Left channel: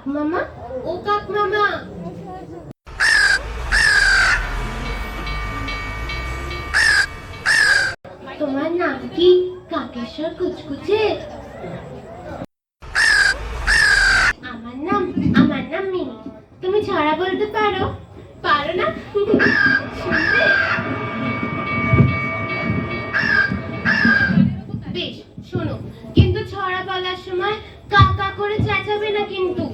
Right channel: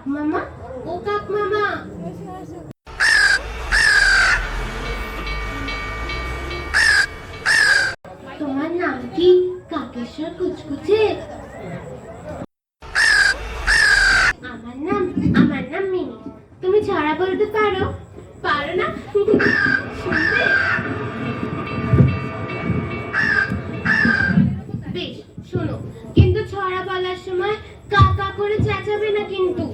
কাক মামা, ও কাক মামা, তোমার নাম কি কাকেশ্বর কুচকুচে? আমার নাম মিনি। তুমি ছড়া বলতে পারো? পারো না? শুনবে? বেশ, শোনো, কিন্তু ছড়া বলার সময় কাকা করে চেঁচাবে না কিন্তু।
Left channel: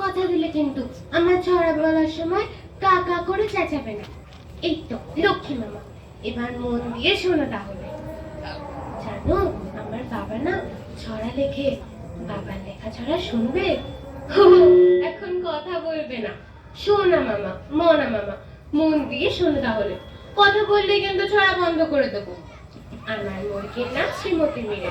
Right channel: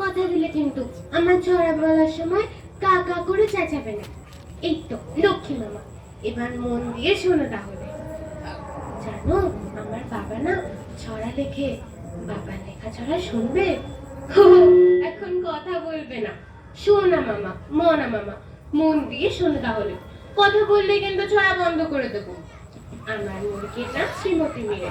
কথা দিলে কিন্তু আমার ছড়া বলার সময় কাকা করে চেঁচাবে না। এই তো লক্ষ্মী মামা, এবার মন দিয়ে শোনো তাহলে। জানো, আমার বাবা না ছড়া লেখে। বাবার লেখা ছড়া শুনবে? এখন কথা বলবে না। শোনা মামা, মনা মামা, মন দিয়ে শোনো তাহলে। কথা বললে কিন্তু ছড়া বন্ধ করে দেবো। আমার মুরগির নাম শ্রীমতী মিরে।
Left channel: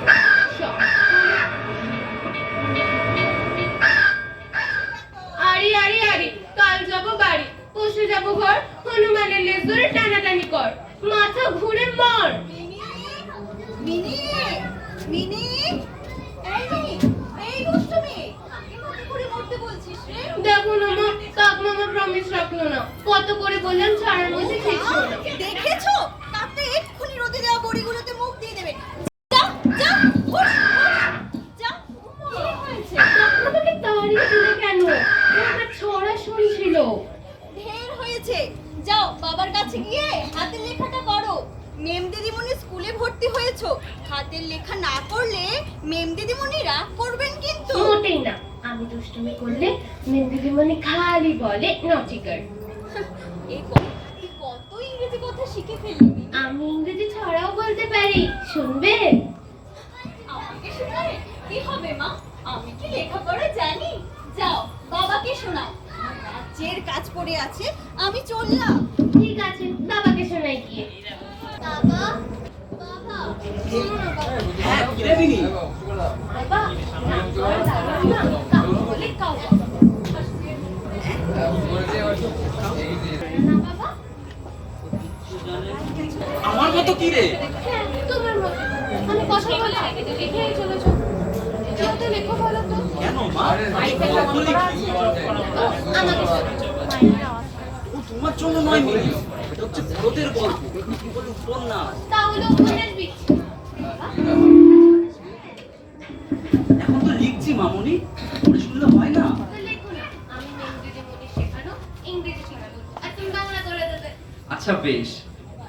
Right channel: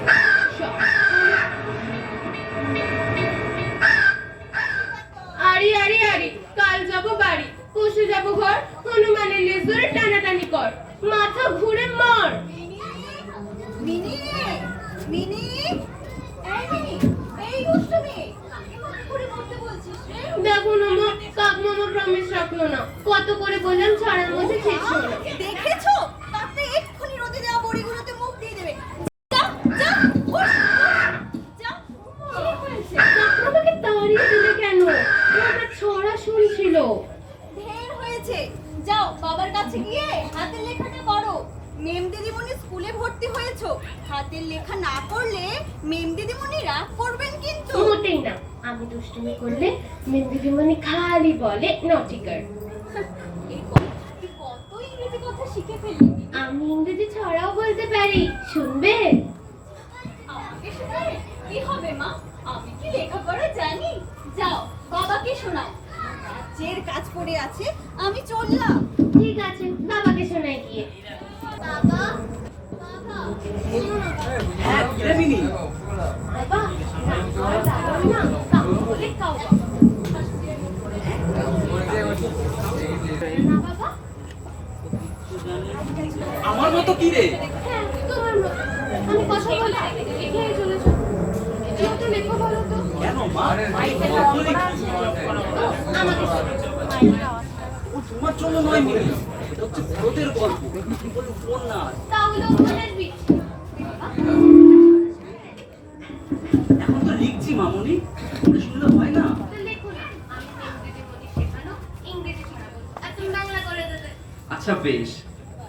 আরি আরি আরি, কাল যাবো বাড়ি, পশু যাবো ঘর, হনুমানের লেজ ধরে টানাটানি কর, মাথা ঘুরে মর। মিনি, মিনি, এই দুষ্টু মেয়ে, কাকে মাথা ঘুরে মরতে বলছিস রে? দেখো না মা, কাক মামা প্রমিস রাখলো না। কত করে বললাম ছড়ার মধ্যে শেষ হলো না। দেখেছো? কাকটা এক্ষুনি রোদে দেওয়া বড়িগুলোতে মুখ দিয়ে দেবে। যা, যা, হুশ, যা। কি হয়েছে? আমাকে তাড়িয়ে দিলে কেন? ওটা ছড়া শুনছিল। ঢের হয়েছে। যাও বাবার কাছে গিয়ে হাতের লেখাটা করো। মেম দিদিমণি স্কুলে ভর্তি হয়েছো, হাতের লেখা না করলে মেম দিদিমণি রাগ করবেন কিন্তু। মোটেই না, আমি দুষ্টুমি করলে মেম দিদিমণি খালি বলে নটি গার্ল। এই কত ইংরেজি কথা শিখে ফেললি। আমি ইংরেজি ছড়াও বলতে পারি, শুনবে? আমাকে শোনায় কি হবে মা? আমি কি লেখাপড়া জানি? যাও বাবাকে শোনাও। রাজ্যের কাজ পড়ে আছে, আমি চললাম। ঠিক আছে, বাবাকে শোনাই গিয়ে। বাবা, বাবা, শোনো না বাবা। হ্যাঁ, কি রে মিনি? বাবা, রাগ করা যাবে না, কাউ বলে কাউ বাবা। না বাবা? আমার মতো কি রে? হ্যাঁ, তোমার মতো। আমি কথা বলছি, লিখেই চলেছ। যাও তো লেখো, বলো তো। কেন মা? আমি গল্প লিখি। আমাকে শোনাও। ও তোমার জন্য নয় মিনি, এটা হচ্ছে বড়দের গল্প, কি বলে উপন্যাস। তাহলে উপন্যাস লিখছি। এখন তো লিখছি মামুনি, এটা শুনলে হয় না? তো লেখো না, আমি মেম দিদিমণি শেখানো ইংরেজি ছড়া বলবো, আর তুমি বাংলা করে দেবে। আচ্ছা বেশ,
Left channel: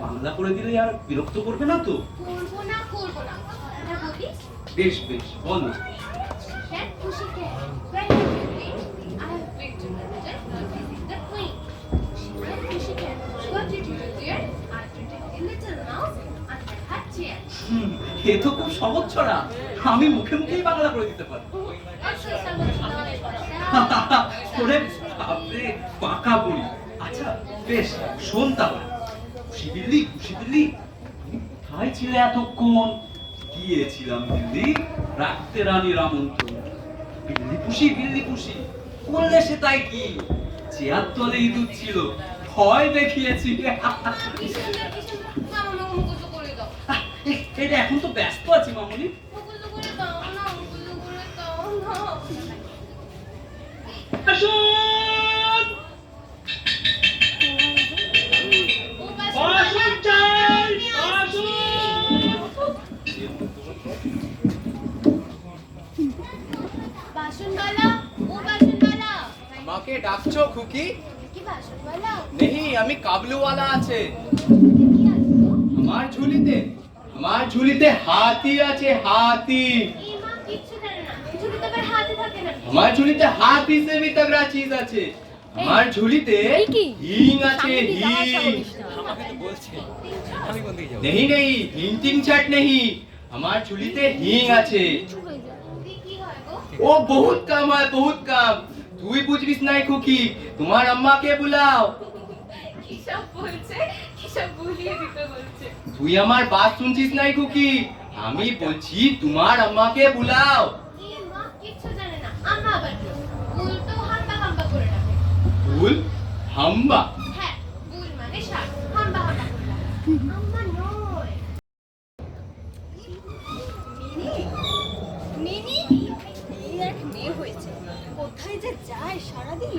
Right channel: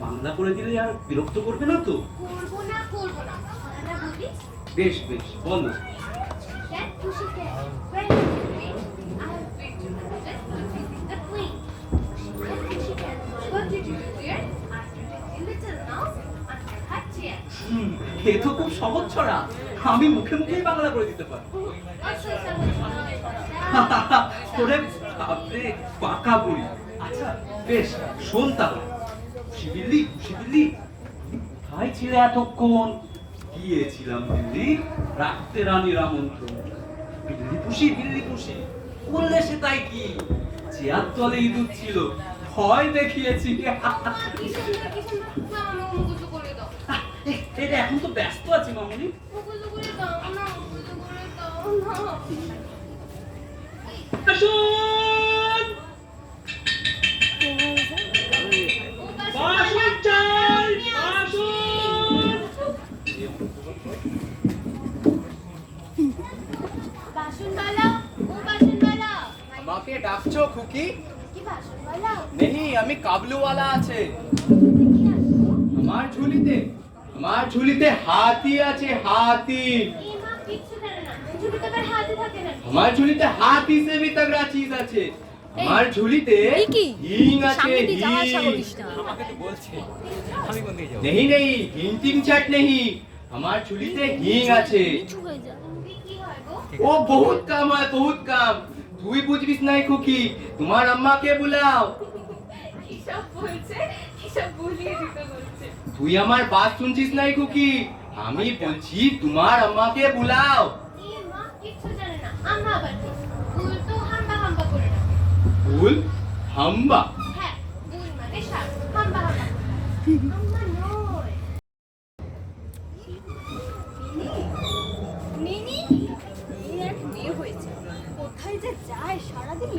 বাংলা করে দিলে আর বিরক্ত করবে না তো? করবো না, ছড়াটা বলি। বেশ বেশ, বলো। That pussycat, where have you been? I have been to visit the queen. Pussycat, what did you do there? I pretended a little mouse under her chair. এ তো খুব সহজ ছড়া, আমি মুখে মুখেই বাংলা করে দিতে পারি। Also, someone ওরে বাপরে, পাকা বুড়ি। আচ্ছা বেশ, শোন তাহলে। খুশি বিল্লি, খুশি বিল্লি, কোথায় ছিলে এতক্ষণ? গিয়েছিলাম দিল্লি, রাখতে রানীর আমন্ত্রণ। বিল্লি পুষি বললে সে তাই কি? চেয়ার তলে ইঁদুর ছিল, ভয় দেখিয়েছি। এটা এখন তো ব্যস্ত আছি মামুনি। আসুন! আসুন চাই, আসুন! বাসনওয়ালা, ও বাসনওয়ালা, আমাকে ডাকছো খুকি? কি বাসনওয়ালা? নেহি, আমি কাবলুওয়ালা আছে। কি আসলো? আমার ঝুলিতে হাতি আছে, হাতি। এই মা কিচ্ছু জানে না, ঝুলিতে আবার হাতে থাকে না। আমার ঝুলিতে হাতি সে ভি তগড়া চিজ আছে। আমার ঝুলিতে হিং আছে, হিং। নেহি নেহি, হিংটিং ছাট নেহি, আমার ঝুলিতে হিং আছে। কি হয় গো? ও বহুত কাম হয়, বহুত কাম। তুই বুঝবিস নাই খুকি, তোমার আম্মাকে বুলাও। কি সব বলছে, কি সব ভুলিয়ে দিতে বলছে। তুই আমার বাত শুনছিস নাই খুকি, আমি বলছি তোমার আম্মাকে বুলাও। এই মা কিচ্ছু জানে না, আম্মা আবার কি? ভুল তো হাম্বা হাম্বা করে ডাকে। ভুল হাম্বা? হ্যাঁ, ভুল মানে সার, হাম্বা হাম্বা করে ডাকে। আম্মা নয়। যায় সারাদিন,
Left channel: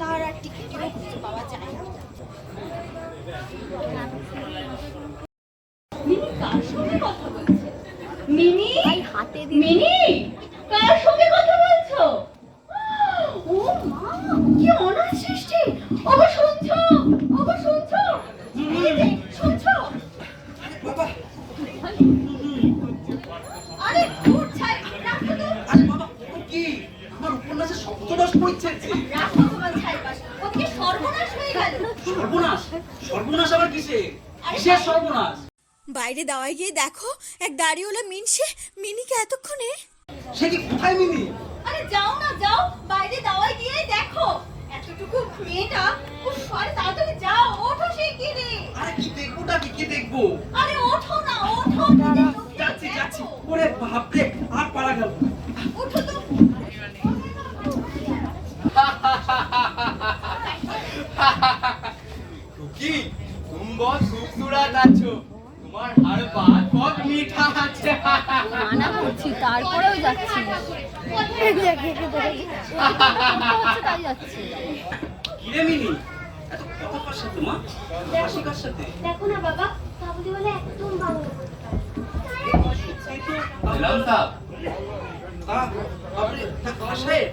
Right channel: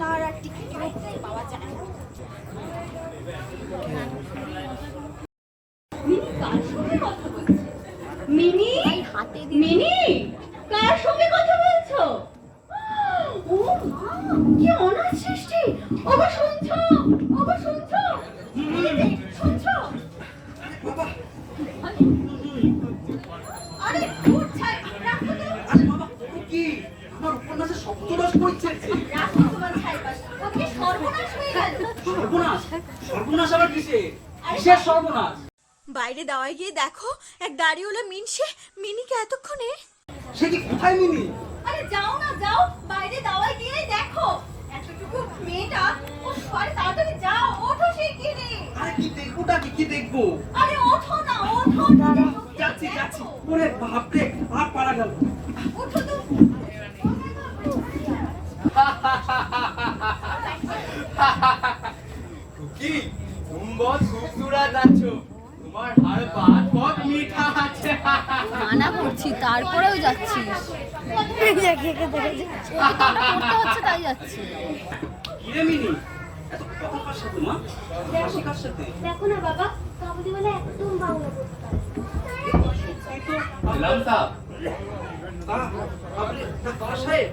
তার আর টিকিটেরও খুঁজে পাওয়া যায় না। মিনি কার সঙ্গে কথা বলছে? মিনি, মিনি, কার সঙ্গে কথা বলছো? ও মা, কি অনাথ সৃষ্টি! ওগো শুনছো? ওগো শুনছো? এই যে, শুনছো? বাবা, আরে দূর ছাই, রাখো তো। আরে বাবা, ও কি আমার উপন্যাসে শব্দদোষ পড়ছে? রাখো তোমার ছাইপাশ, ওদিকে সর্বনাশ হয়ে গেল। সর্বনাশ? সর্বনাশ আবার কিসে? কিসের সর্বনাশ? বাইরে দাওয়ায় গিয়ে দেখো, এক দাড়িওয়ালা মিনসে মিনিকে এতক্ষণে। সে কি কোথায় মিনি? আরে যাও না, যাও, বাইরে দাওয়ায় গিয়ে দেখো এতটুকু মেয়েটা। ও আরে তাড়াতাড়ি যাও, ওঠো সেই কিনে। আরে কি দেখবোটা কি দেখবো? আরে ওঠো না, ওঠো। যাচ্ছি যাচ্ছি। ওরে বাপরে, আর পারা গেল না। ওঠো তো। কি तुम बहुत खूबसूरत আছো, তোমার हर बात बहुत मीठा আছে। মানা করছি তারপরেও যাচ্ছি। হচ্ছে তাই যাচ্ছি। কিরে মিনি, এত কথা কার সাথে মা? হাসি কার সাথে? দেখো না বাবা, কাবুলিওয়ালা একদম বাংলা বলতে পারে। ইলাম সাহেব, আপনি ডাক্তার সাহেব,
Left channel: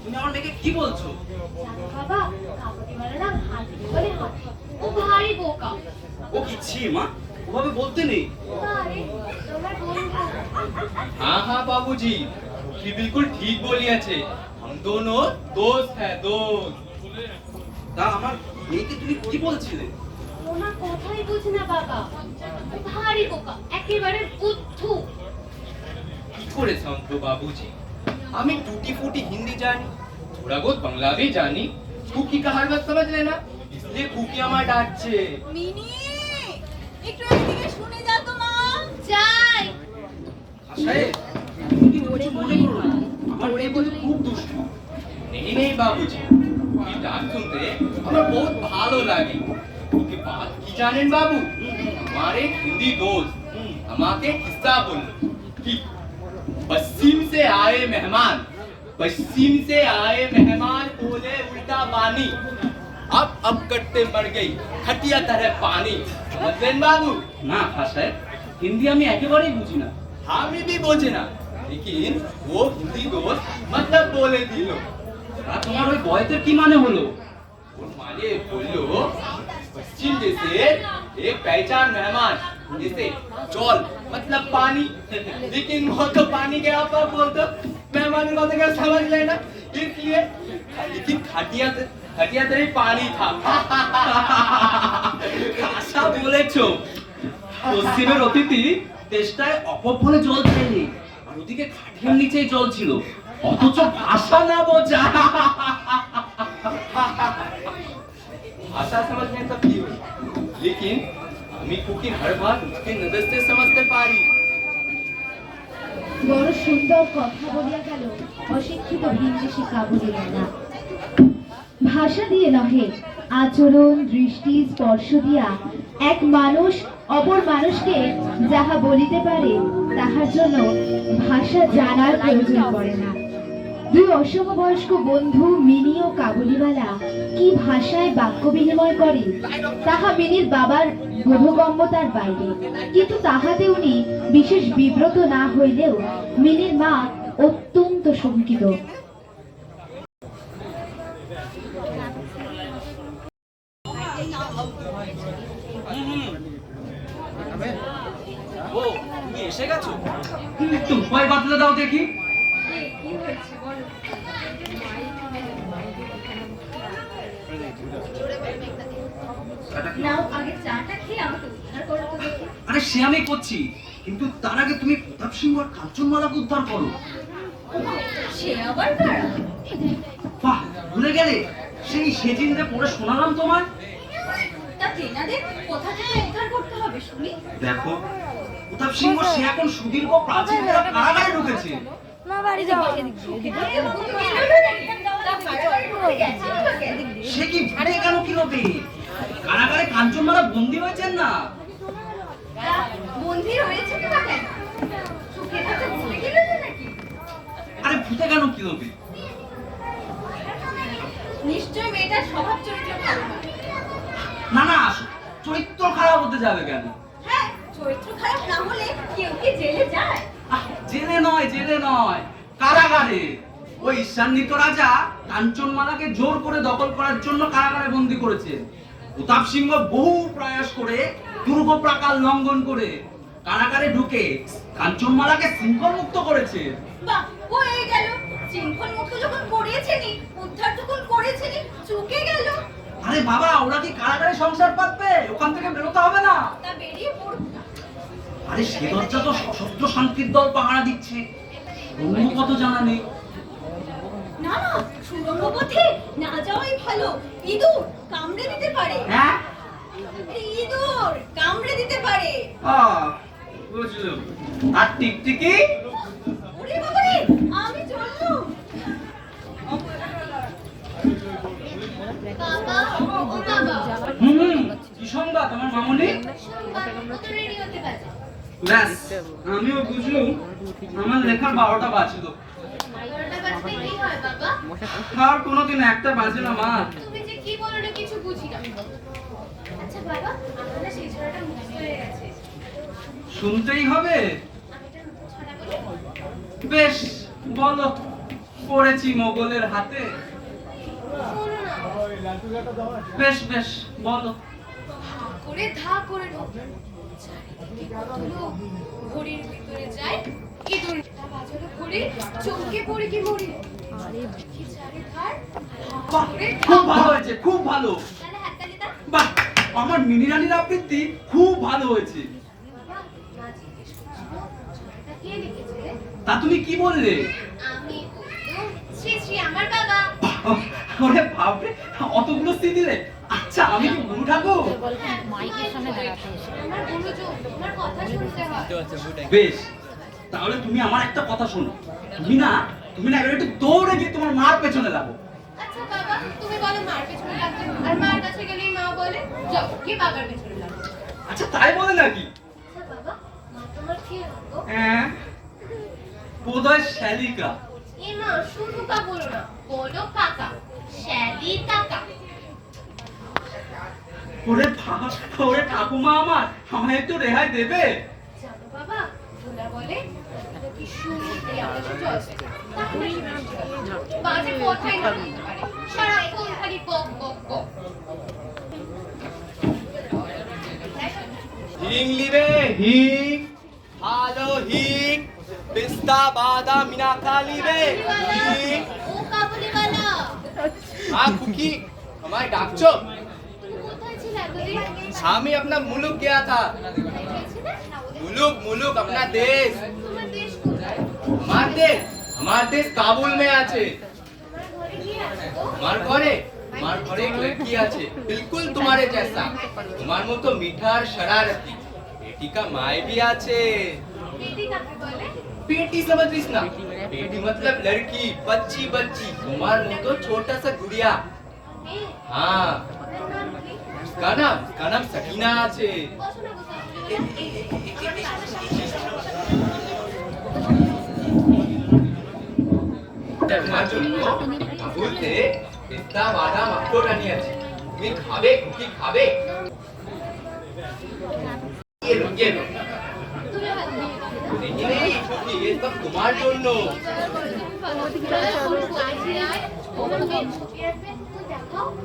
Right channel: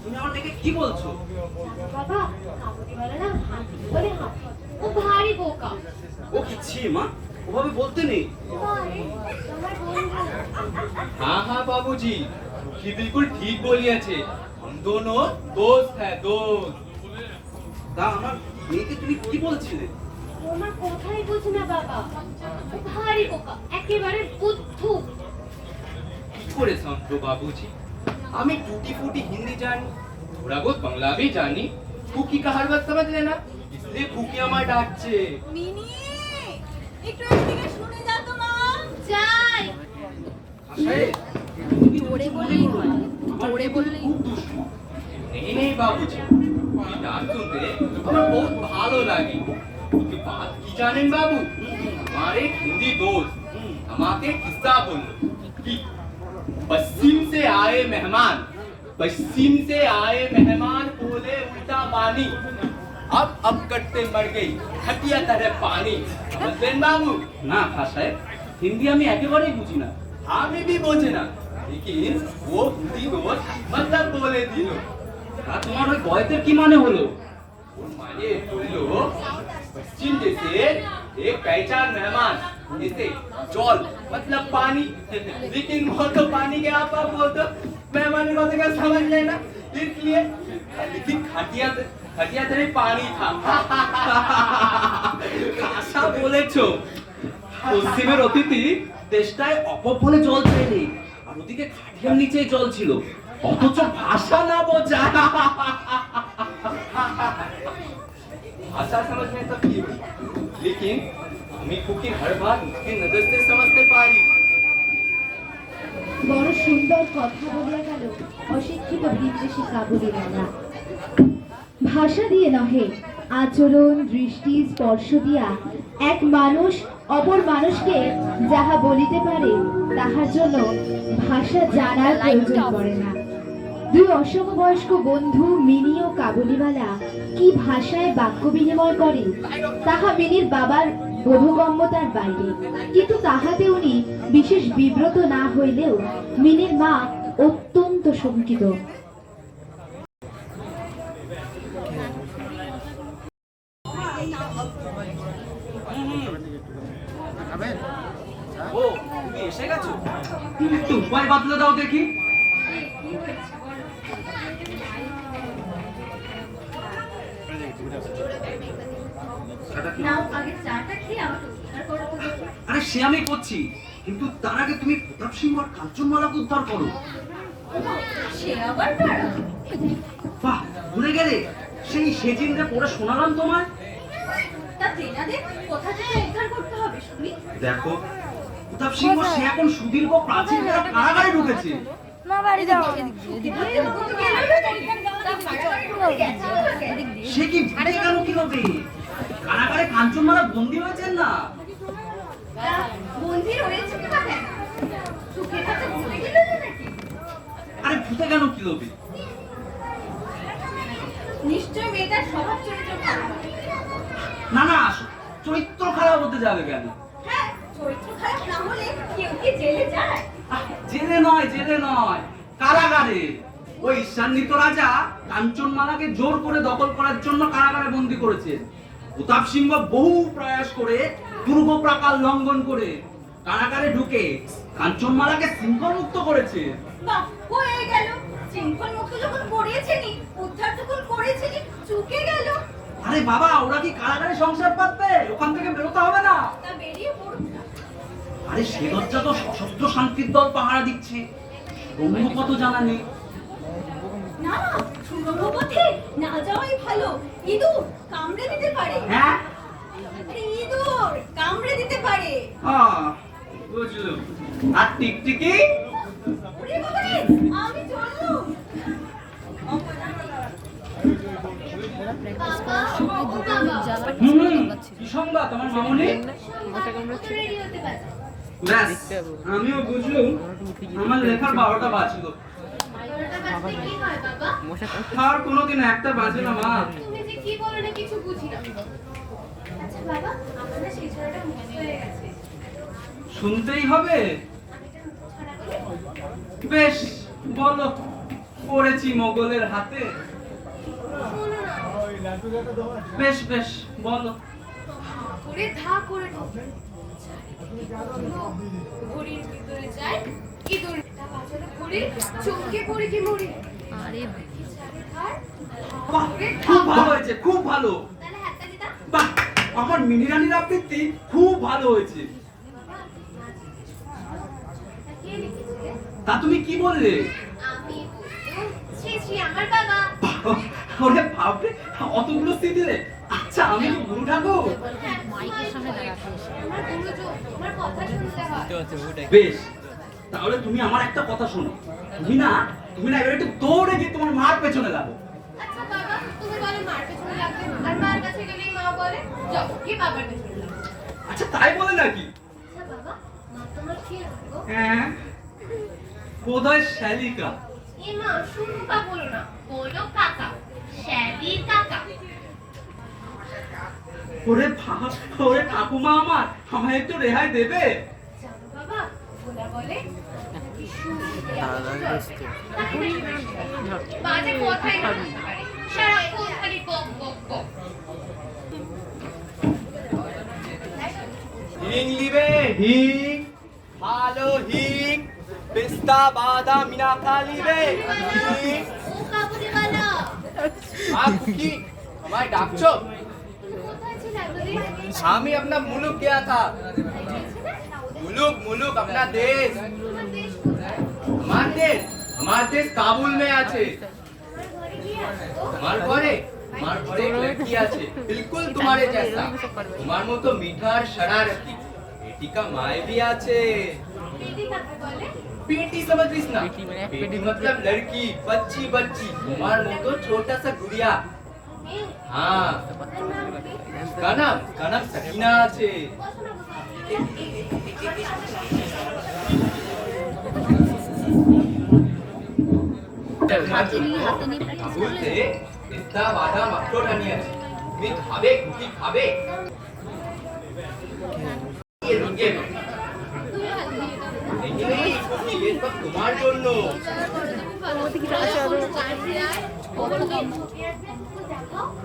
তুমি আমার মেয়েকে কি বলছো? বাবা, কাবুলিওয়ালা না হাতি বলে হাতি। ও ভারী বোকা। ও কি ছি মা, ওভাবে বলতে নেই। আরে, তোমার বন্ধু। हाँ हाँ बाबूजी, ये बिल्कुल ठीक बोली আছে। हम दोनों दोस्त हैं, दोस्त। তা আমার মেয়েকে তুমি কি বলছিলে? তোমার কথাই বুঝ না বাবা, ভারী বোকা, একেবারে বুদ্ধু। কি করে समझो बाबूजी, আমি टूटी फूटी हिंदी জানি, थोड़ा बहुत बांग्ला भी জানি। कुकी का हर बात समझ लेना, इसलिए कुकी আমার ডাকছে। মিনি, একটু এদিকে শুনে যাও তো মা। যাই। সাহেব, জোরে বললেই হয়, জোরে বললেই খুব দুষ্টু। नहीं नहीं बाबूजी, ये डाक सुनते আমার बहुत ভালো লাগে। কি बात কি জানেন বাবু, আমার এক হিন্দি दोस्त আমাকে কিস্সা বলল कि पश्चिम से आए मेहमान, पश्चिम से आए मेहमान बोले उल्टा पानी, अब कटते मर गई खटिया तरह पानी। समझलेন বাবু? না সাহেব, হিন্দি আমি একেবারেই বুঝি না। আমি भी বোঝে না, लेकिन वो हिंदी दोस्त मतलब बोले दिल। তা তোমার ওই বয়তের কি মানে হলো? और माने बोलो पश्चिम जैसे एक पहचान मेहमान, जैसे जल मतलब पानी, लेकिन वो तो पानी के आप बोल दो मेहमान की बात का समझ लेना, इसलिए लेकिन खटिया तेरे पानी था। আশা বলেছো, পশ্চিমের অতিথি চেষ্টায় অকপলে জল চাইনি, আর ওদিকে খাটিয়ার নিচেই জল ছিল, অথচ ভাষা না বোঝা। भाषा समझने तक की हो, लेकिन हमें कुकी हर बात उसकी नजर से समझते पारी। বড় সুন্দর কথা বলিয়া গেল অশিক্ষিত ভিনদেশী কাবুলিওয়ালা। ভাষা দিয়ে নহে, আচরণ দৃষ্টি স্পর্শ দিয়া এক মানুষ অপর মানুষকে যাহা বলিতে পারে তাহার জন্য ভাষা জানার প্রয়োজন পড়ে না। দুই অসমবয়স্ক বন্ধু মিনি ও কাবুলিওয়ালা কি ভাষায় বাক্য বিনিময় করে তাহা মিনির বাবার বোধগম্যতার বাইরে, কিন্তু তাহাতে উনি বিশেষ বিব্রত না হইলেও মিনির মা অত্যন্ত শঙ্কিত। ও, তুমি এসে গেছো? একটু উপায় বাতলে দাও দেখি। নাও আগে চাটা খেয়ে আমাকে উদ্ধার করো তো দেখি। আরে সে আমি করছি, কিন্তু তার আগে তুমি প্রতাপ সিংহ আর কাঞ্চনমালাকে উদ্ধার করো। সে আবার কারা? বাহ, ভুলে গেলে? সেই সেদিনটা পড়ে শোনালাম তোমার। তা তেনাদের কোথা থেকে উদ্ধার করতে হবে শুনি? দেখো, প্রতাপ সিংহ সে এখন সুদীর্ঘ প্রাচীন কারাগারে ঢুকেছে। না বাড়ি যাবো এদিক সে কি ভুলে গেল কি হবে? কারাগারে কাঞ্চনমালা বন্দী হয়েছেন না? বন্দি রয়েছে না কেন? সুখের হাতে ভুলে গেল নাকি? আরে ভুলে গেল কি হবে? নিশ্চয়ই মেয়েটার স্বভাব চরিত্র ভালো নয়। না না, চরিত্র খারাপ হতে যাবে কেন? হ্যাঁ, চরিত্র খারাপ না হলে কেউ কি জেলে যায়? জেলে নয়, জেলে নয়, কারাগারে। ওই ঈর্ষান্বিত রাজা কাঞ্চনমালাকে জোর করে দখল করার জন্য কারাগারে বন্দী করেছেন। প্রতাপ সিংহ বহু প্রয়াস করে দুর্গ প্রাকার লঙ্ঘন করে কারাগারে ঢুকে কাঞ্চনমালাকে শৃঙ্খল মুক্ত করেছে। বাহ, হয়ে গেল। শৃঙ্খল মুক্ত যখন করিয়েছেনি, উদ্ধার যখন করেছেনি, চুকে গেল। আরে বাবা, ওরা কি কারাগারে সংসার পাতবে? ওখান থেকে বেরোতে হবে না? তা বেরিয়ে পড়ুক না। আরে সে দরজা তো সশস্ত্র শান্তির দল পাহারা দিচ্ছে, অন্য কত জানা নেই। না না, সুরঙ্গ পথে না যাওয়াই ভালো। ইঁদুর কামড়ে দিতে পারে। হ্যাঁ, আরে ইঁদুর কামড়ে দিতে পারে। বুঝলাম। আর টিকটিকি? ওরে বাবা রে, আমি চললুম। ওরা প্র্যাকটিস করার সময় দুটো জায়গায় কি সংবাদ আমার মামনি? রেডি হতে পারছে ব্যাস, আমিও বুঝলুম। আমার লেখার 12টা বাজলো। 11টা বাজতে কি হয় বাবা? আর কোনোদিন একটা বাজে না মা। তুমি যে কি বলো না কিছু বুঝি না। আচ্ছা বাবা, আমার না সেই ছড়াটা মিস হয়ে গেছে। শুনতেই হবে? আমি একটা নতুন ছড়া বলি। বেশ, বলো। পড়েছি মোগলের হাতে। শোনো না। বেশ বেশ, বলো। করে ধা করে ঢোকে। লোক ঘড়ির ভিতরে যায়, ইঁদুরটা বাজারে ঘুরে, চমকে পড়ে কি মরে। আরে কি চারে ধার, বাহ, করে খুব ভালো হয়েছে, খুব ভালো। তাহলে হাততালি দাও। বাহ, আমার মিনি রানীর আবৃত্তি খুব ভালো হয়েছে। বাবা, মা জিজ্ঞেস করছিল, ছড়াটা কে লিখেছে? তা তুমি কি বললে? আমি বললুম, শ্রী শ্রী আমার বাবা। ওরে বাপরে, অতগুলো স্ত্রী দিলে? আচ্ছা, আমি কি গুরু ঠাকুর? হ্যাঁ, মাইকের সামনে দাঁড়াতে এসে আমার গুরুজন, তোমার কথা শুনতে হয়। বেশ, তাহলে তুমি আমার একটা কথা শোনো। তুমি না এবার একটু দৌড়ে গিয়ে তোমার মার পেছনে লাগো। আচ্ছা বাবা, তুমি বলো মার পেছনে লাগবে, আর মার কাছে গেলেই মা বলে যাও কি বাবার পেছনে লাগবে। আচ্ছা, তাই বলে নাকি? আচ্ছা বাবা, মা তোমার কি হলো? হ্যাঁ, বোধহয় শালিকা। এ মা, শুনুকা বলো না, বলো কাকা, শ্যালি কাকা। ওরে ঠাকুমা আমার, আমায় একটু রেহাই দেবে? জানো বাবা, ভোলা বলে নাকি শুনতে আওয়াজ চলছে, তাই নাকি বাজে কথাই না বলতে পারে, সারাক্ষণ খালি বক বক বক। হিং লিবে হিং, ভালো হিং, পেস্তা বাদাম মিনাকা লিবে হিং। ও কাবুলিওয়ালা, খুকি আমায় ডাকছো? তুমি কোথায় ছিলে এতদিন? আমি अपना मुल्क गया था। मुल्क अपना देश। তোমার দেশ কোথায়? हमार देश काबुल में আছে। আমার ঘরে কি আছে গো? हमार घरे एक लड़की আছে, बिल्कुल तुम्हारे जैसा, তোমার মতো মিঠার शरारती। बेटी का माय भी আছে। বেটি কাকে বলে? बेटी समझ रही ना? बेटी मतलब लड़की, बच्ची बच्ची, তোমার মতো छोटा सा गुड़िया। মেয়ে, हाँ, ওর নাম কি? उसका नाम सकीना আছে। বসো না গো কাবুলিওয়ালা, হাতে নিয়ে প্র্যাকটিস করলে বলতে পেস্তা বাদাম আখরোট আনিয়েছি, তুমি খাবে? কুকি খাবে? ये लो, ये लो। नहीं नहीं, कुकी ये सब তোমার জন্য।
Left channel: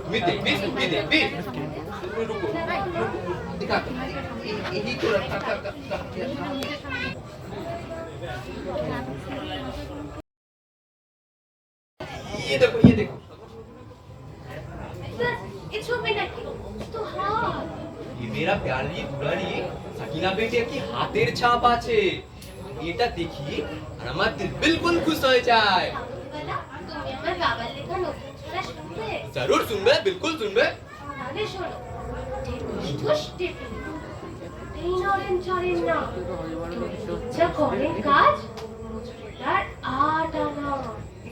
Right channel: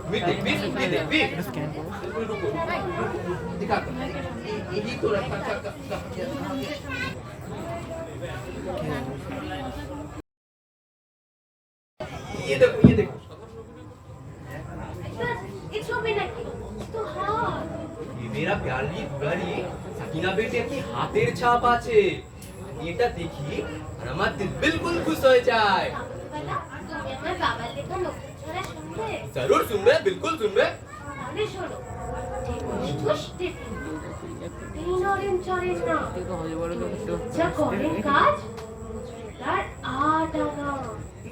তুমি দেখবি? কুকি দেখবি? रुको, दिखा दो। यही तो रखा था। ये देखो, ये देखो। ये ছবি নাকি? তো হাত। ये मेरा प्यारी दुलारी सकीना बेटे की हाथेर ছাপ আছে। আমি এটা দেখি আর আমার দিল बिल्कुल खुश হয়ে যায়। কাবুলিওয়ালা, তুমি আমার বাবার লেখা নতুন ছড়া শুনবে? जरूर सुनবে, बिल्कुल सुनবে। তাহলে শোনো, ঠুস টিপি, এই নরেন চরেন না, ইচ্ছা করে কাজ, তার আটানা।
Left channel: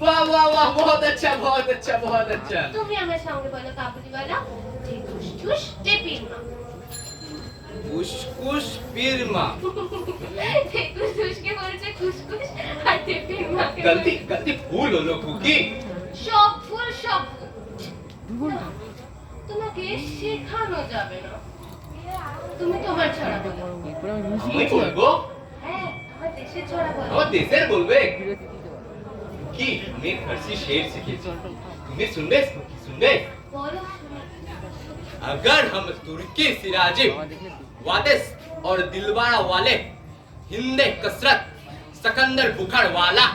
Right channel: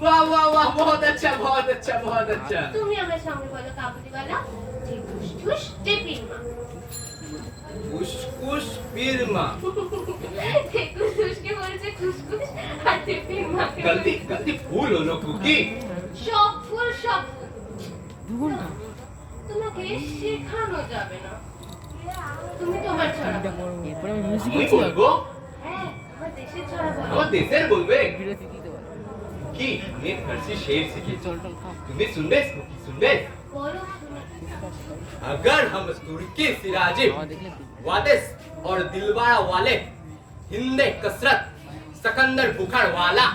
वाह वाह वाह, बहुत अच्छा, बहुत अच्छा, बहुत अच्छा। তুমি আমার সঙ্গে বলো কাবুলিওয়ালা, ঠুস টিপির মা। खुशखुश फिरमा। খুশখুশকে বলেছে খুশখুশ, আর টিপির মাকে गलती गलती भूल हो लो कुकी। সব ফুল সব ফুল। তোমাকে শেখানো যাবে না, তুমি তোমার ছড়া বলো। এরপরে আমি মিউজিক আমি বলবো? হ্যাঁ, আমার দেশের ছড়া বলো। আমার দেশের বলবে কি? আমি ফার্সি শের শিখেছি, তুমি শুনবে? इसको কি শুনবে? বলো শুনি। अगर हम तुर्की सिराजे वादिस और दिलवारा वाले हिंदे कसरत सकंदर बुखार वाला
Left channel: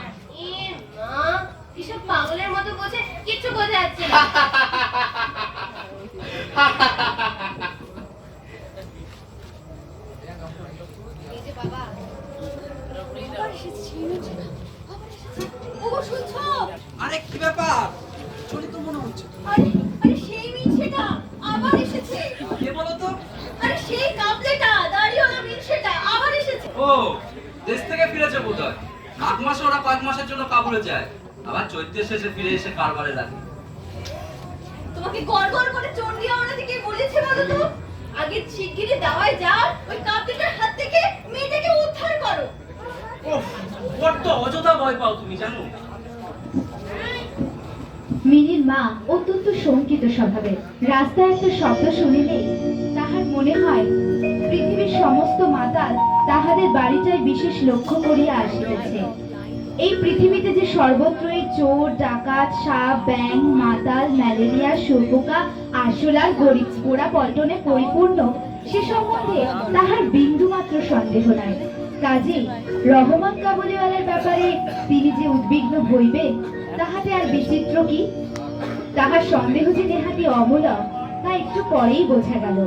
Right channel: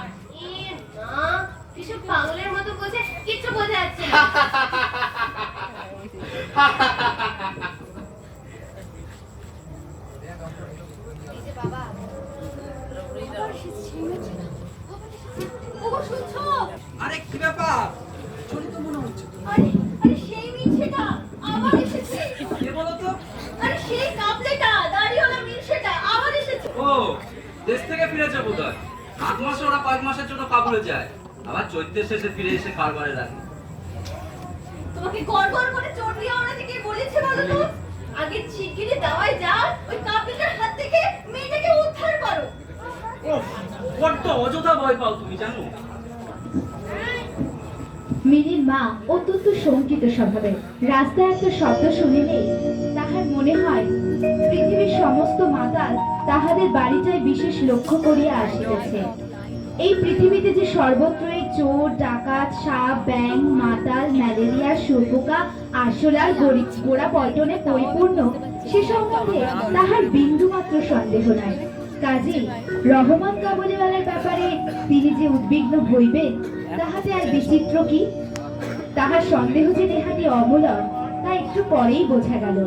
এ মা, কিসব পাগলের মতো বসে কিচ্ছু বোঝা যাচ্ছে না। ওগো শুনছো? আরে কি ব্যাপার? চলি তো মনে হচ্ছে। আরে আরে সেই মিনসেটা আবার এসেছে। কে বলো তো? আরে সেই কাবলেটা দাড়িওয়ালা মিনসেটা আবার এসেছে। ও, দেশ থেকে ফিরেছে বোধহয়। মাঘ মাসে ওরা কয়েক মাসের জন্য কাবুলে যায়, আবার চৈত্রের শেষে ফিরে এসে কারবারে লাগে। তোমাকে গড়গড় করে চন্ডী আমরা থেকে বলেছে বলো তো, আগে শিগগিরই দাওয়ায় যাও, ওই কাবলেটার হাত থেকে মেয়েটাকে উদ্ধার করো। ওহ, বড্ড অযথা ভয় পাও তুমি, জানো? মিনির মা অত্যন্ত শঙ্কিত স্বভাবের। রাস্তায় একটা শব্দ শুনিলে তাহার মনে হয় পৃথিবীর সমস্ত মাতাল তাহাদের বাড়িটায় বিশেষ লক্ষ্য করিয়া আসিতেছে। এই পৃথিবীতে যে সর্বত্রই চোর, ডাকাত, সাপ, ব্যাঙ, মাতাল, ম্যালেরিয়া, শুঁয়োপোকা, আরশোলা, গোড়া পল্টনে পরিপূর্ণ, সে সম্বন্ধে তাহার বিন্দুমাত্র সন্দেহ নাই। কাজেই রহমান কাবুলিওয়ালার ব্যাপারে তিনি যে উদ্বিগ্ন হইবে তাহাতে আর বিচিত্র কি? তাহার সন্দেহ যে নেহাতি অমূলক তা একটু পরেই বোঝা গেল।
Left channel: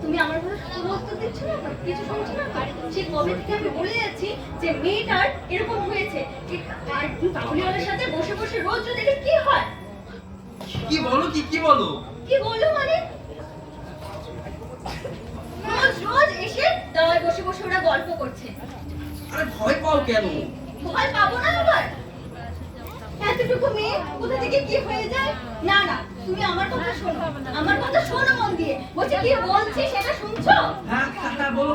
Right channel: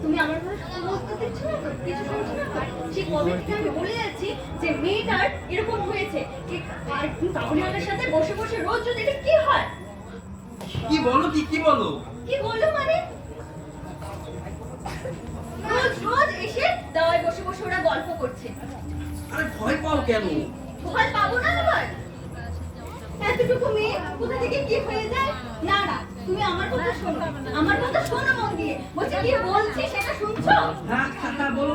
তুমি আমার কোনো শুভ উত্তর দিচ্ছ না তো? কিছু শুনছো না তো? সে কবে থেকে আমি বলে যাচ্ছি যে মেয়েটার এরকম হয়েছে, আর কাবুলিওয়ালার সাথে বসে বসে রোজ যদি এটা কি হয়? কি বলো? কি বলো? কি বললো মানে? রোজ রোজ এসে দাওয়ায় বসে বসে ওরা গল্প করছে। আরে ভয় পাও কেন? ভয় পাবো না আবার? এতটুকু মেয়ে কোথা থেকে কি হয়ে যায়? না না, তুমি আমার কথা শোনো, আমার কথা শোনো মন দিয়ে। বলছি কি বলছি সেটা শুনছো? হ্যাঁ হ্যাঁ, বলো।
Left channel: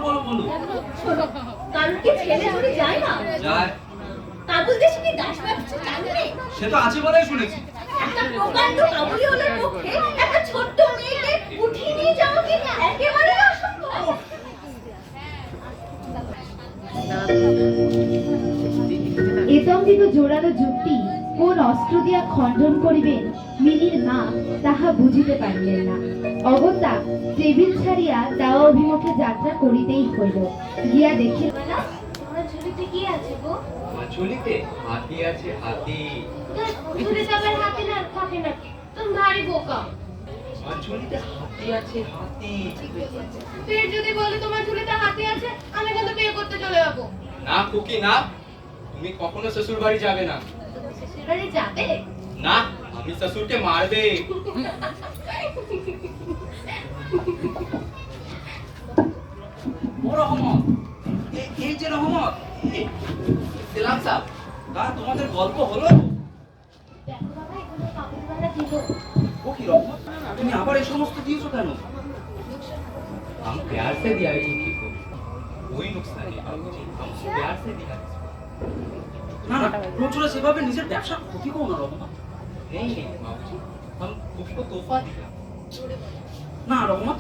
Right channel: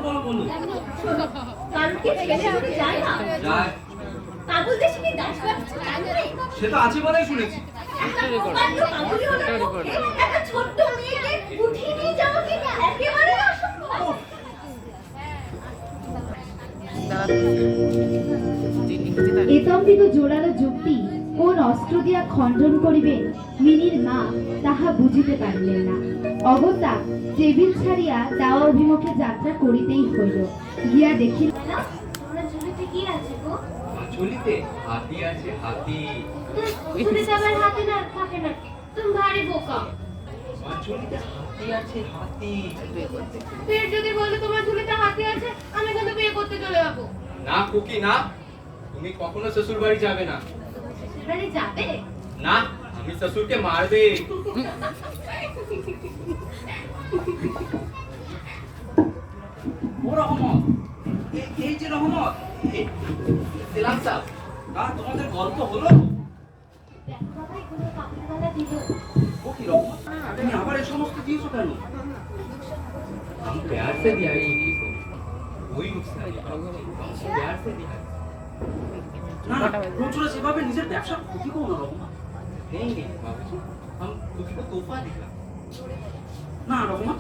শোনো, কারণ কি ছেলে যদি যায় না, যায়, কাবুল দেশে কি দাস ব্যবসা চালু নেই? সে তো আছে বলেই শুনেছি। একটা প্রকাণ্ড কাবুলিওয়ালার পক্ষে একটা ছোট্ট মেয়েকে উঠিয়ে নিয়ে যাওয়া কি একেবারে অসম্ভব। এতঙ্গিত জোরালো যুক্তি কোন অস্ত্র দিয়া খণ্ডন করিবেন মিনির মা তাহা বুঝিতে পারিলেন না। অগত্যা টেবিল ছাড়িয়া দাওয়া অভিমুখে যাত্রা করিতেই হইল। গিয়া দেখিল না, আমার ঝুলিতে কি আছে গো? ঝুলিতে হাতি আছে, হাতি। ঝুলিতে আবার হাতে না থাকে নাকি? তুমি ভারী বোকা। আমার ঝুলিতে হাতি আছে, হাতি। ফের যদি বলে তোমার ঝুলিতে হাতে আছে, আমি কিন্তু বিয়ে করতে চলে যাবো। না খুকি না, তুমি কখনো শ্বশুর বাড়ি যাবে না। তুমি শ্বশুরবাড়ি যাবে? না, আমি শ্বশুরকে মারবে। ও রহমত, এই যে রহমত, সেলাম সাহেব। তা তোমাদের গল্প হলো? দেখো বাবা, এগুলো কাবুলিওয়ালা দিল। ও কি রহমত, তুমি আবার এই সমস্ত দিয়েছো কেন? हम प्यार से दिया है खुकी को, कोई नुकसान नहीं। हम प्यार से दिया है। না না, প্রচুর সেভাবে নিজের ব্যবসা ক্ষতি করো না রহমত। नहीं नहीं बाबूजी, हम खुकी को तोहफा दिया। না রহমত,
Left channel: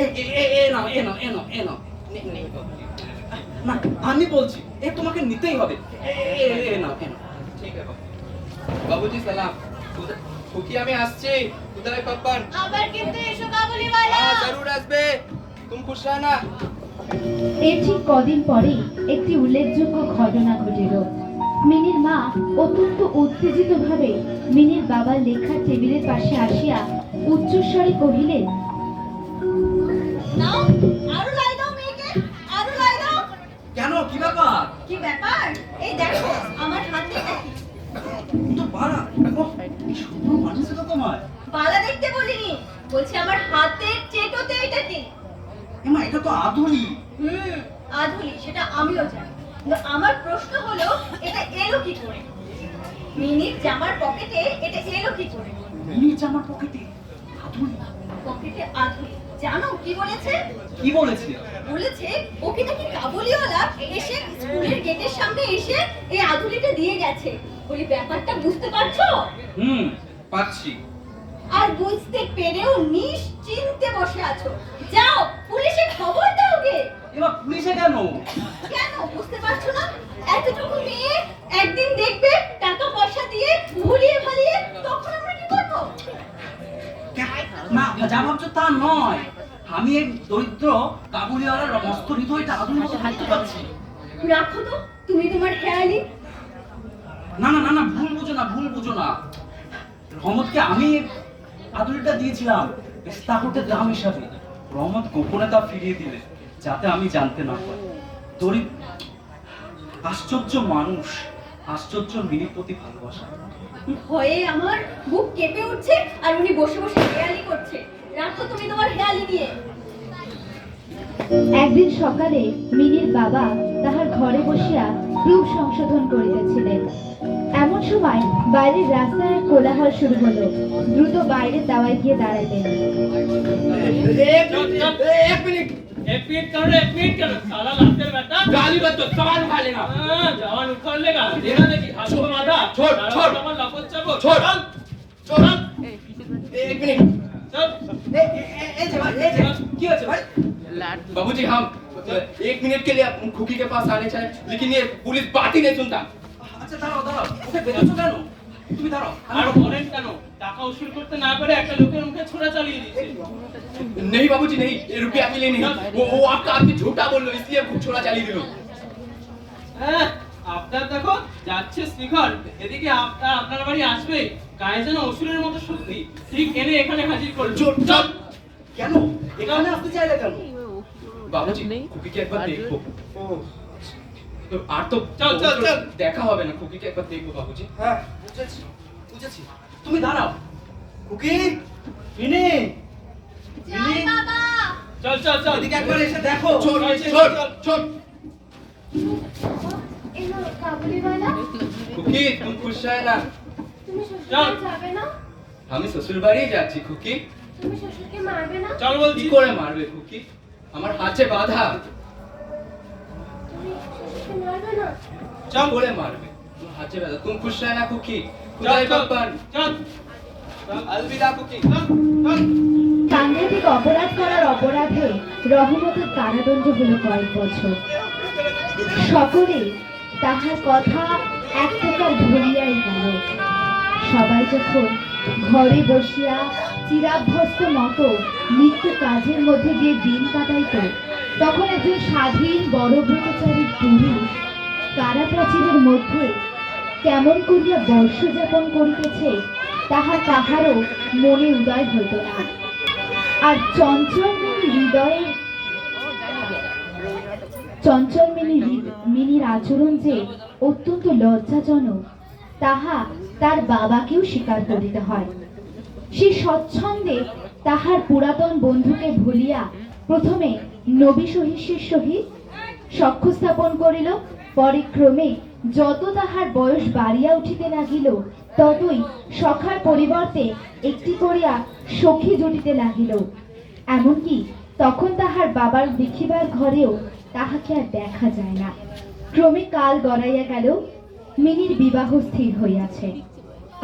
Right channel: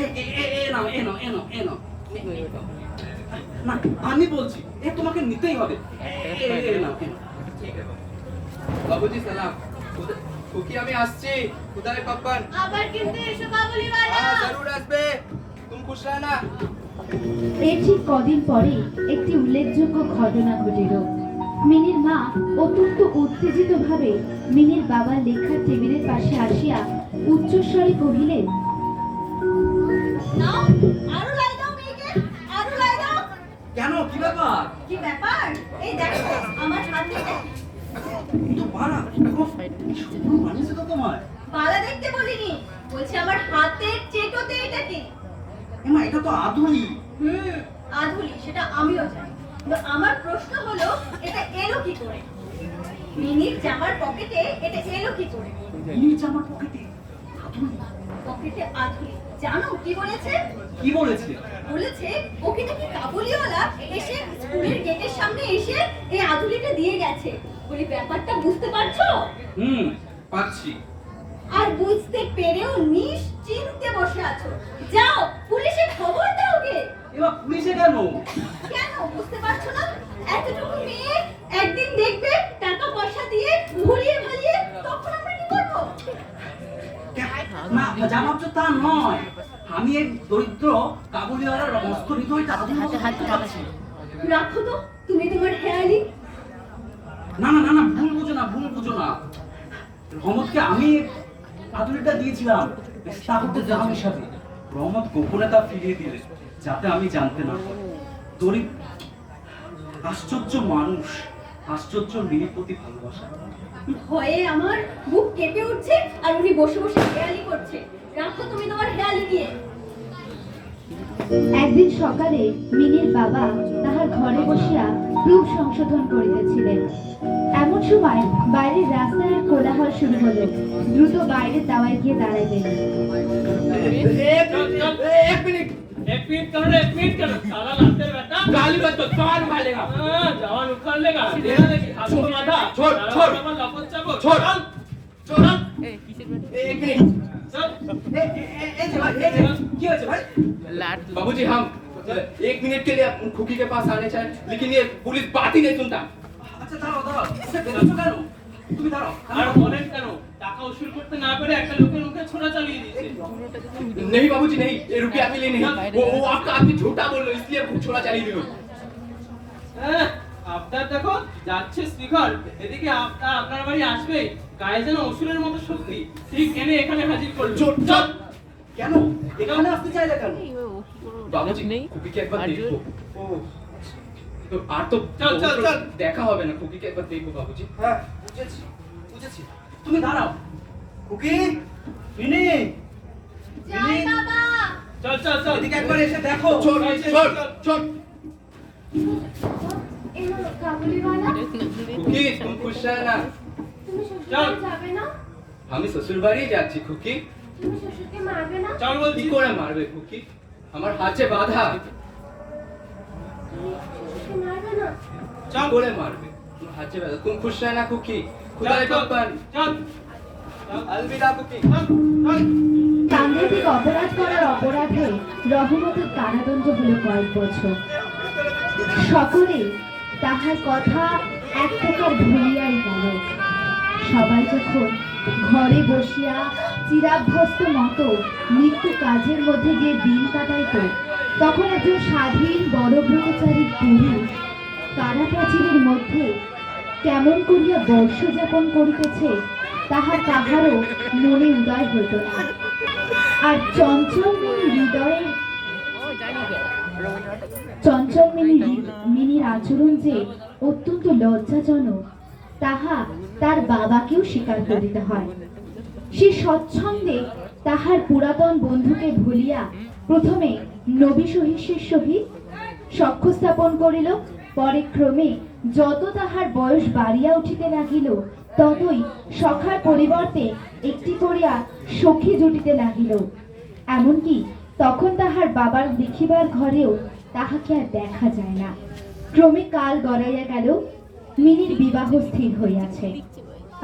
এ নাও। नहीं नहीं बाबूजी, না, আমি বলছি এ তোমাকে নিতেই হবে। এ নাও। ठीक है बाबूजी। सलाम। खुकी हमें আসছে, খুদাই পাপ্পান। আবার কিন্তু এসো কাবুলিওয়ালা। हाँ जरूर আসবে, तुम खुश रहना। এর ঠিক কদিন পরে একটি উল্লেখযোগ্য ঘটনা ঘটিল। মিনির মা অত্যন্ত উত্তেজিত ভাবে মিনির বাবার লেখার টেবিলের পাশে আসিয়া উচ্চস্বরে কহিলেন, নাও, আরো লাই দাও মেয়েকে, আরো লাই দাও। কেন, কি ব্যাপার? কি ব্যাপার? এই দেখো আমার হাতে এটা কি? তো বাড়া, শুধু মানুষ তো তোমার। বালা দেখতে বলিনি, বলছি আমার হাতের চেটোতে এটা কি? এমা, এটা তো আধুলি। আধুলি, সেটা আমিও জানি, কিন্তু আমার প্রশ্ন হলো এটা এলো কি করে? মিনির জামার পকেটে এটা এলো কি করে? নিচে আমার পকেটে আধুলি। পকেটে আধুলি, জানো কি বলেছে? কি বলেছে? বলেছে ওকে নাকি কাবুলিওয়ালা এসে স্কুলের গেটের সামনে এসে এই আধুলিটা দিয়ে গেছে। বলি ব্যাপারটা বুঝতে পারছো? পাচ্ছি। আর বুঝতে পেরেও নিশ্চিন্তে বসে আছো। যাও পুলিশে খবর দাও গে। এবার পুলিশে কেন? কেন বুঝতে পারছো না? এতটুকু মেয়ে একদিন দেখবে টাকা পয়সা দিয়ে ভুলিয়ে ভালিয়ে, তখন আমরা কি করবো? না, যা ভাবছো তা নয়। আমি এই দরিদ্র কাবুলিওয়ালার মস্ত হৃদয় টাকা দিয়ে হাতে পাচ্ছি। রাখো তো তুমি তোমার খেয়ালি। না না না না, ভুল বুঝো না। রহমতকে আমি আদুরিটা দিয়েছিলাম তা করতে দাম হিসাবে। রহমত গোপনে তা ফিরিয়ে দিলে যাতে আমি জানতে না পারি। গরিব আশ্চর্য মানুষ, আশ্চর্য মিনির প্রতি ভালোবাসা। ভয়ে আমার বুক কেঁপে উঠছে আর উনি বসে বসে হেয়ালি করছে। রাখো তুমি তোমার হেয়ালি নিয়ে। একদিন সকালে মিনির বাবা তাহার ঘরে বসিয়া প্রুফ সংশোধন করিতেছিলেন। এমন সময় বাইরের রাস্তায় এক কোলাহল শুরু হলো। দ্রুত বাইরে দাওয়ায় গিয়ে দাঁড়াইলেন। एक मिनट करो साला लाते बेटा गाली मत दो, सवाल उठा लेगा। जवान उखाड़ लेगा देना देखी हाथ को माथा छोड़ लपट चाबो छोड़। एक मिनट। चल क्या है भाई? बाबूजी हम 1 मिनट के लिए खुकी के पास आने चाहिए, लेकिन ये पुलिस बात ही नहीं सुनता। আচ্ছা দাঁড়াও, ওকে বেরোচ্ছ কেন? তুমি দাঁড়াও। আর বলেন কেন টাকা উসুল করতে না পেরে একটা লোকের মুখে ছোড়া চালিয়ে দিয়েছে। नहीं बाबूजी नहीं, ये रुपया मिले नहीं। वो आपका आदमी झूठा बोल रहा है, इसलिए छोड़ा चाली दिलो। হ্যাঁ আপনার দেখো যাচ্ছে শিখর, এদিকে আপনার বাড়ি আসবে গায়ে যেন অসুরের মতো শক্তি, ঠিক এনে এখানে হাজির করলো। चल কেন এখানে আসতে চাইলে কেন? बाबूजी खुकी के एक बार देखो। तो আর তো চল। দেখা হবে না, খুকি কে একবার দেখবো বাবুজি। হ্যাঁ বুঝেছি। তুমি দাঁড়াও। খুকি, মিনি, জয় বাবা। চল এদিকে একবার এসে দেখো। छोड़। এলো কাবুলিওয়ালা, খুকি तुम खुश है ना? তুমি শ্বশুরবাড়ি যাবে না? আমি শ্বশুর বাড়ি যাচ্ছি খুকি। তুমি শ্বশুরকে মারবে না? চল কি বলছি। করে মারবে খুকি? আমার হাতে বাঁধা। তুমি শ্বশুরকে মারবে না? চল করে মারবে, আমার হাতে বাঁধা। तुम खुश है ना खुकी? खुदा চল रे बप्पन। চল अलविदा खुकी। চল সাংঘাতিক অপরাধ করার অপরাধে রহমতের কারাদণ্ড হল কয়েক বছর। সকলে তাহার কথা এক প্রকার ভুলিয়াই গেল। সবাই যখন ঘরে বসিয়া চিরাভ্যস্ত মতো নিত্য কাজের মধ্যে দিয়ে দিন কাটাইত, তখন একজন স্বাধীন বড় ব্রহ্মচারী পুরুষ কারাপ্রাচীরের মধ্যে কেমন করিয়া বর্ষ যাপন করিতেছে তাহারও মনে উদয় হইত না। আর চঞ্চল মিনির আচরণ যে অত্যন্ত লজ্জাজনক তাহা তার বাবাকেও স্বীকার করিতে হয়। সে স্বচ্ছন্দে তাহার পুরাতন বন্ধুকে ভুলিয়া প্রথমে নবী সহিষ্যের সহিত সখ্য স্থাপন করিল। পরে ক্রমে যত তাহার বয়স বাড়িয়া উঠিতে লাগিল, ততই সখার পরিবর্তে একটি করিয়া সখী জুটিতে লাগিল। এমনকি তখন তাহার বাবার দেখিবার ঘরেও তাহাকে আর দেখা যায় না। ক্রমে কাল গড়াইয়া গেল, মিনির বিবাহ স্থির হইয়াছে।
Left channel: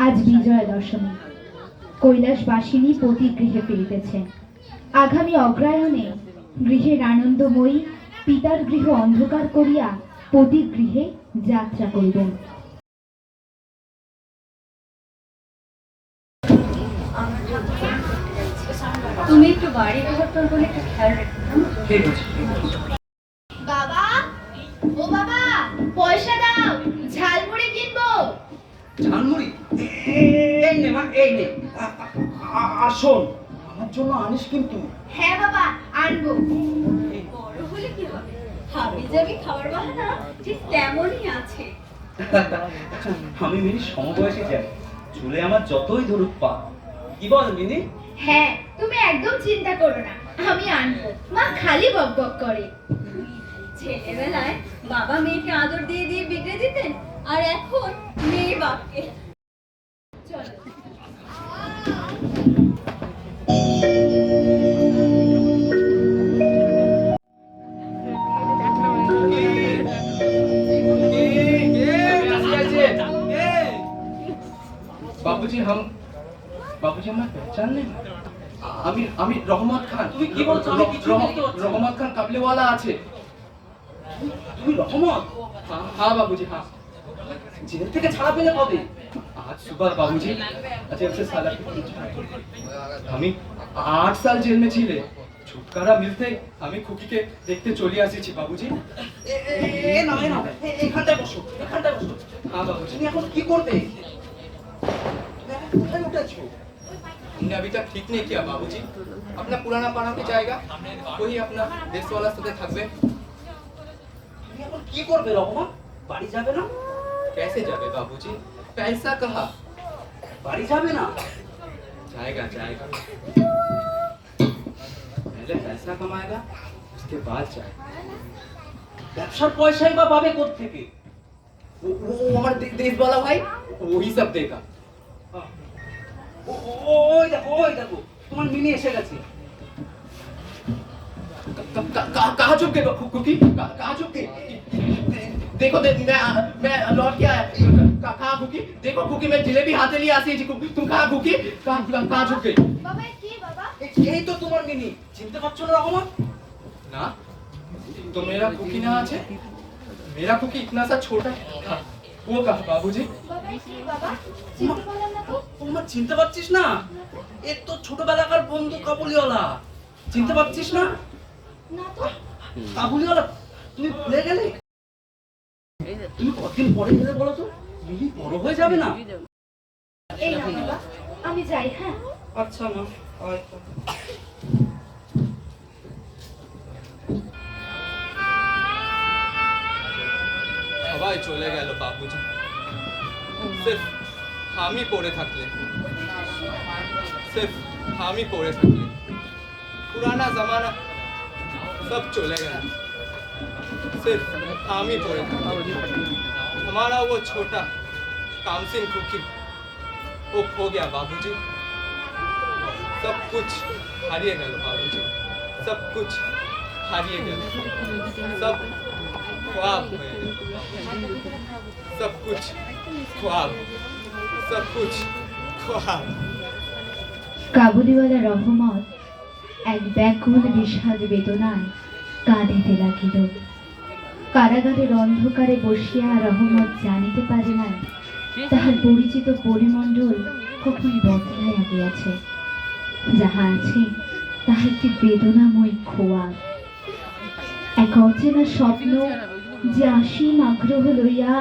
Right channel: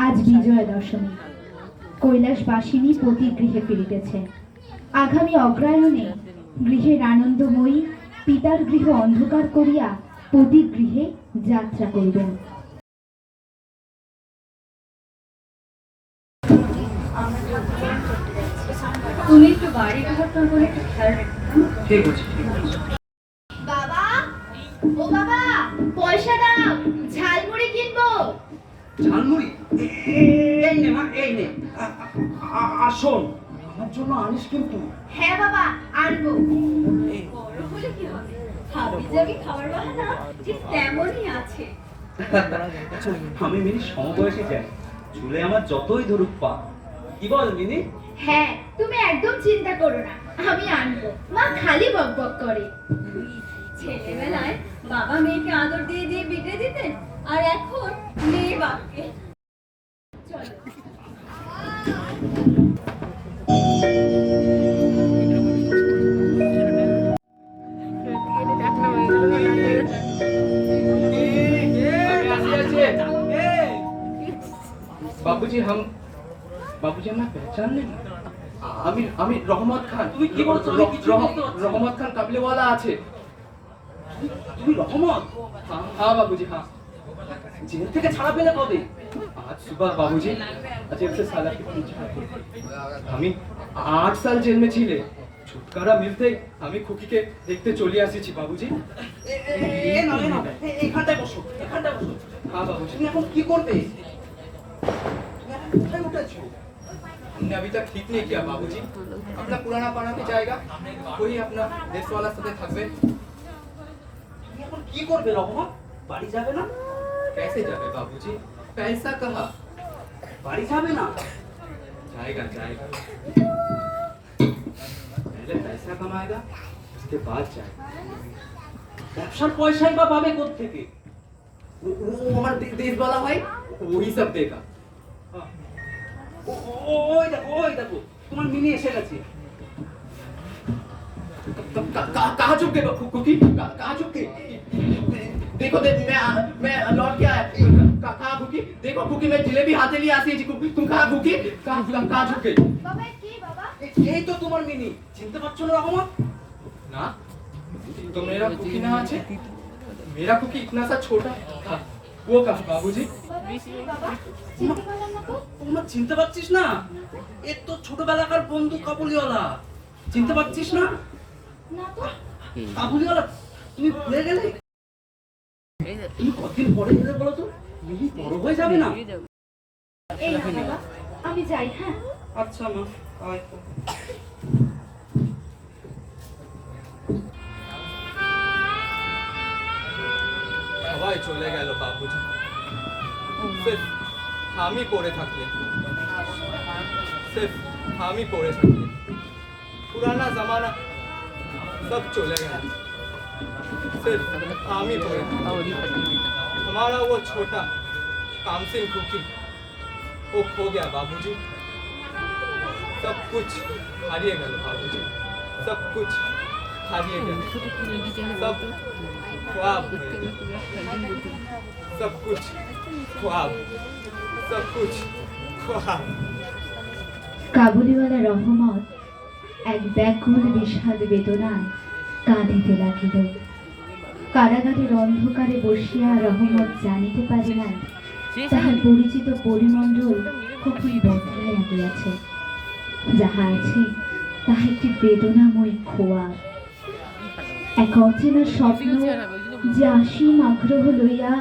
আজ বিজয়া দশমী। কৈলাসবাসিনী পতি গৃহে ফিরিতেছে। আগামী অগ্রায়ণে গৃহের আনন্দময়ী পিতার গৃহ অন্ধকার করিয়া পতির গৃহে যাত্রা করিবেন। তুমি একটু বাড়ি বিবর্তন করে একটু খেয়াল রেখো। ঠিক আছে। বাবা, ও বাবা, পয়সা দাও, ঝালমুড়ি কিনবো। ঝালমুড়ি এই নে মা, এই নে। আর শোন, আমার জন্য আনিস কিন্তু। হ্যাঁ বাবা, আনবো। বড় হলে কি হবে, হাবি জাবি খাবার বাহানা ঠিক তেমনই আছে। আমি মিনি সমবয়সী যাই, চুলে আমার যতই ধরুক পা। কি বল মিনি? হ্যাঁ, তুমি একদম চিন্তা করো না, আমি আনবো। মা খালি বক বক করে। ছেলেবেলায় বাবা মেয়েকে আদর দিয়ে দিয়ে বিগড়ে দিতেন, আর এখন মেয়ে বাপকে। চলো। আসি আছে। আমি রহমত খান। তুমি কি বলছো? আমি কিছুই বুঝতে পারছি না। রহমত খান কাবলিওয়ালা আছে। তুমি রহমত? हाँ बाबूजी हाँ। জেল থেকে ছাড়া পেলে কবে? आज सुबह बाबूजी जेल से साला की আমি 8 সাল জেল में ছিলে। छुटकारा मिलते আমি খুকিকে দেখতে চলে আসিছি বাবুজি। এখানটায় বসো, এখানটায় বসো। हाँ बाबूजी। তুমি এখন কি করবে? তুমি এখন কোথায় উঠেছো? हमने अभी तक ठीक नहीं किया बाबूजी। अपना पुराना पाना पे जाएगा, वही अपना देश वाला साथे থাকবে। তুমি এখন কি করবে রহমান? বাড়ি যাবে না? कैसे जावे बाबूजी? पैसा कहाँ? বাড়ি যাবে না? जाएगा जाएगा। पहले पैसा कमाएगा, उसके बाद जाएगा। ব্যবসার পয়সাই বা পাবে কোত্থেকে? वो हमारा देश वाला भाई वही सब देगा। ওই দেখো তোমার মিনি এসে গেছে। कहाँ चुप गए कुकी? कहाँ चुप गए? देखो मैं लौट के आया। कहाँ कुकी? देखो कुकी मैं जिलेबी हाथे लिए आती जी। तुम कहाँ कुकी? कहाँ चुप गए? বাবা কি বাবা? এই তো তোমার মিনি। চিনতে পারছো না রহমান? ना तो मेरा कुकी ना আছে। मेरा कुकी इतना सा छोटा था, वो कहा बाबूजी। বাবা কি বাবা? চিনতে পারলাম না তো। তোমার চিনতে পারছিস না? এ তো ছোটবেলাকার বন্ধু কাবুলিওয়ালা। চিনতে পারছিস না? না তো। কাবুলিওয়ালা তুমি ভুলে গেলে? তুমি কতদিন পরে গেলে বলো তো? মিনি বড় হয়ে যাবে না? এই না বাবা, আমি যাই। হ্যাঁ, আচ্ছা মা, হয়তো। সবাই চলে গেল বাবুজি। সির্ফ আমি পড়ে থাকলে, सिर्फ हम ही पड़े सकते। पुराना जमाना सब चले गया, सिर्फ हम ही पड़े सकते। हमारा वो छोटा कामसिन कुकी वो खो गया बाबूजी। सब कुछ हारिए गया बाबूजी, सब कुछ हारिए गया, सब ख्वाब हो गया, सब कुछ ख्वाब, सब कुछ ख्वाब। কাবুলিওয়ালা রহমত এক ব্যাকুল বিষাদ বেদনায় কাঁদিতে লাগিল। কারাগারের অন্ধকারে বসিয়া রহমত জানিতে পারে না তাহার পরিচিত পরিমণ্ডল কখন বদলাইয়া গিয়াছে। যাহা আছে তাহা একটি বেদনাময় খোয়া, এক অচেনা স্বপ্ন যে অসীম আগ্রহ লইয়া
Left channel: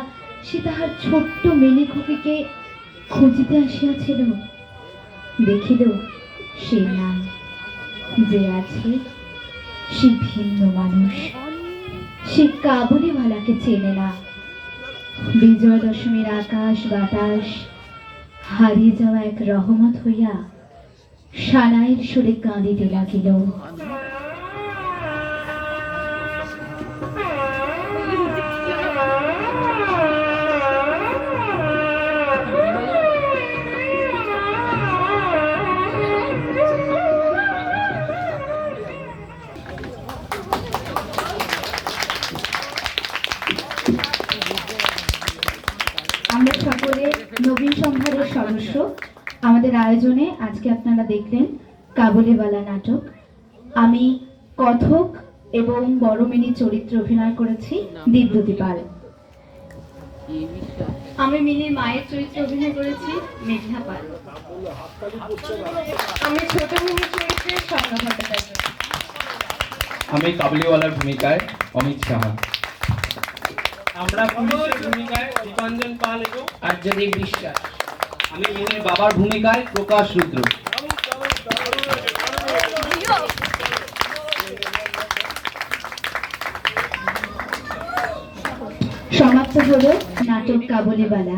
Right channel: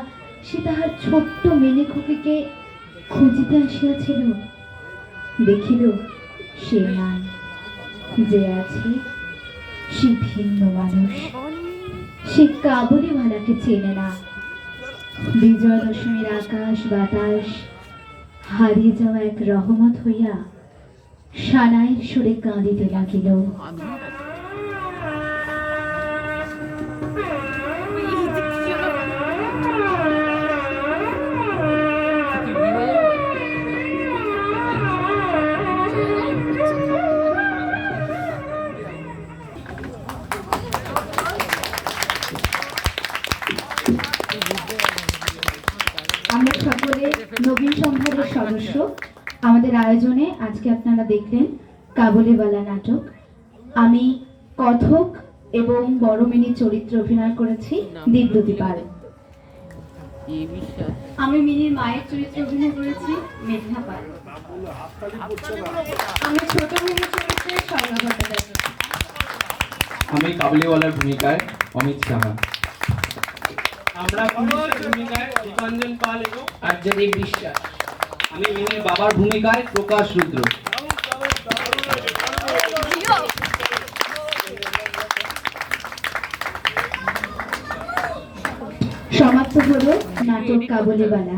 সে তাহার ছোট্ট মেনে খুকিকে খুঁজিতে আসিয়াছিল। দেখিল সে নাই, যে আছে সে ভিন্ন মানুষ, সে কাবুলিওয়ালাকে চেনে না। বিজয় দশমীর আকাশ বাতাস হারিয়ে যাওয়া এক রহমত হইয়া সানাইয়ের সুরে কাঁদিতে লাগিল। আমরা সকলে নবীন সম্ভারের সদস্য। আমাদের আয়োজনে আজকে আপনারা দেখলেন কাবুলিওয়ালা নাটক। আমি কথক এবং বড় মিনি চরিত্রে অভিনয় করেছি দিব্যতি পাল। আমি মিনির মায়ের চরিত্রে অভিনয় করেছি মেঘনা পাল। আমি ছোট মিনির চরিত্রে স্বর্ণা ভট্টাচার্য। আমি কাবুলিওয়ালার ভূমিকায় অমিত সাহা। আমরা পুলিশের ভূমিকায় দীপাঞ্জন পাল এবং আর্যদেব বিশ্বাস। আমি মিনির বাবার ভূমিকায় প্রকাশ রুদ্র। সমাপ্ত হলো নাটক কাবুলিওয়ালা।